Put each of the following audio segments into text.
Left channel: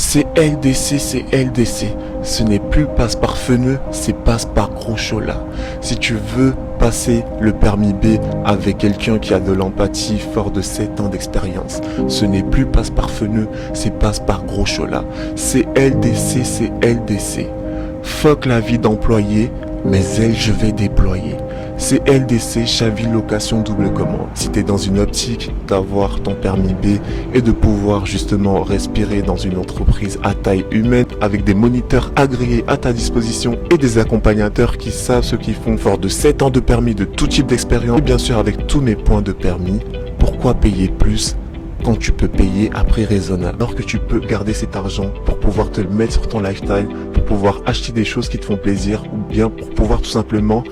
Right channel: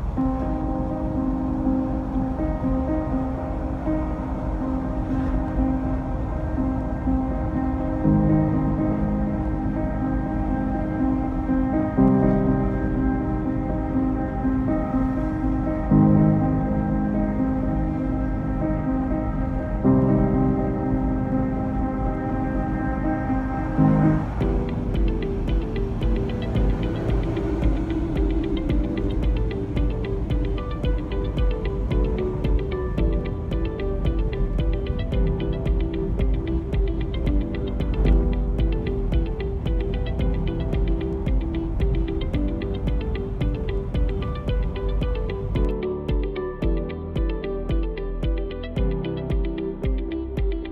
C'est LDC, c'est LDC. Ce n'est plus passe par Feneux, c'est passe par Gros Chola. Si tu veux passer le permis B avec quelqu'un qui a de l'empathie, fort de 7 ans d'expérience, ce n'est plus passe par Feneux, c'est passe par Gros Chola. C'est LDC, c'est LDC. Fuck la vie d'employé, mais elle je vais déployer. C'est LDC, Chaville Location Double Commande. Si tu es dans une optique d'avoir ton permis B et de pouvoir justement respirer dans une entreprise à taille humaine avec des moniteurs agréés à ta disposition et des accompagnateurs qui savent ce qu'ils font, fort de 7 ans de permis, de tout type d'expérience et bien sûr avec tous mes points de permis, pourquoi payer plus quand tu peux payer à prix raisonnable, alors que tu peux garder cet argent pour pouvoir te le mettre sur ton lifestyle, pour pouvoir acheter des choses qui te font plaisir ou bien pour pouvoir tout simplement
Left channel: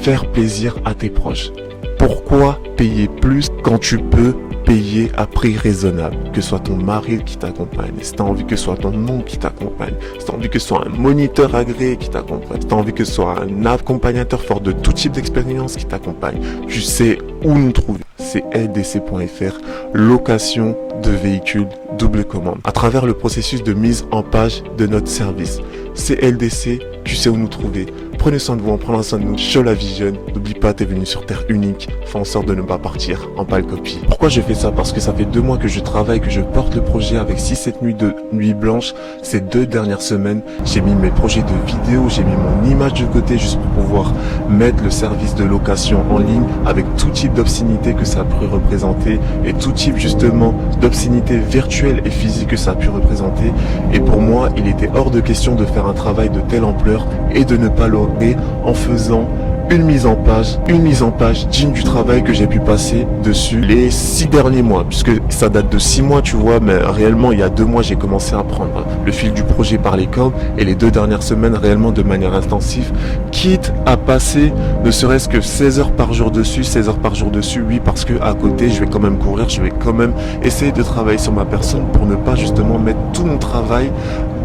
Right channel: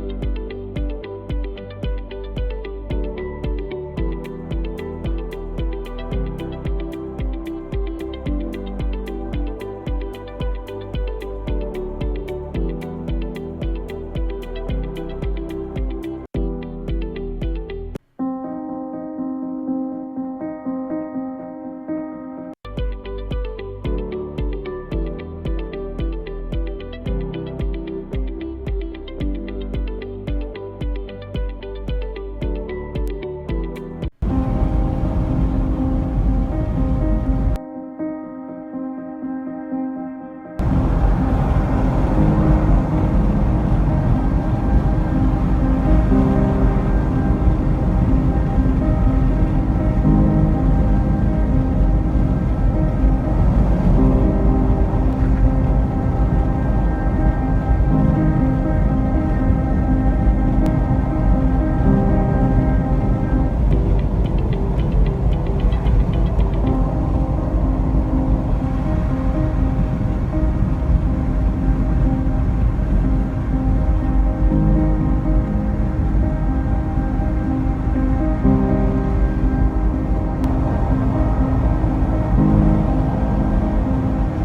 faire plaisir à tes proches. Pourquoi payer plus quand tu peux payer à prix raisonnable? Que ce soit ton mari qui t'accompagne, si tu as envie que ce soit ton oncle qui t'accompagne, si tu as envie que ce soit un moniteur agréé qui t'accompagne, si tu as envie que ce soit un accompagnateur fort de tout type d'expérience qui t'accompagne, tu sais où nous trouver. C'est ldc.fr, location de véhicules double commande. À travers le processus de mise en page de notre service, c'est LDC, tu sais où nous trouver. Prenez soin de vous, en prenant soin de nous. Chola Vision, n'oublie pas, t'es venu sur Terre unique. Fais en sorte de ne pas partir en pâle copie. Pourquoi je fais ça? Parce que ça fait 2 mois que je travaille, que je porte le projet avec 6-7 nuits de nuit blanche. Ces 2 dernières semaines, j'ai mis mes projets de vidéo, j'ai mis mon image de côté juste pour pouvoir mettre le service de location en ligne avec tout type d'obscénité que ça a pu représenter et tout type justement d'obscénité virtuelle et physique que ça a pu représenter. Et pour moi, il était hors de question de faire un travail de telle ampleur et de ne pas l'organiser en faisant une mise en page digne du travail que j'ai pu passer dessus les 6 derniers mois, puisque ça date de 6 mois, tu vois, mais réellement il y a 2 mois j'ai commencé à prendre le fil du projet par les cordes et les 2 dernières semaines réellement de manière intensive, quitte à passer ne serait-ce que 16 heures par jour dessus, oui, parce que à côté je vais quand même courir, je vais quand même essayer de travailler sur ma personne pour ne pas justement mettre tout mon travail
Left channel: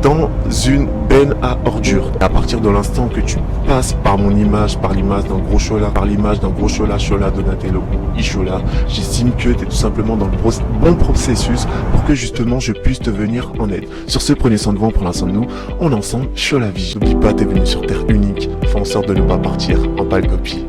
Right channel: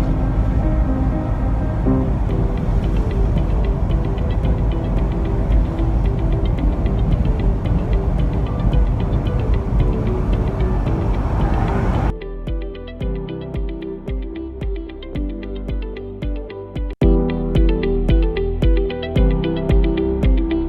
dans une benne à ordures. À partir de l'instant que tu passes par mon image, par l'image d'un Gros Chola, par l'image d'un Gros Chola, Chola Donatello, Ishola, j'estime que tu es tout simplement dans le bon processus pour que justement je puisse te venir en aide. Sur ce, prenez soin de vous, prenez soin de nous. On est ensemble, Chola Vie. N'oublie pas, t'es venu sur Terre unique. Fais en sorte de ne pas partir en pâle copie.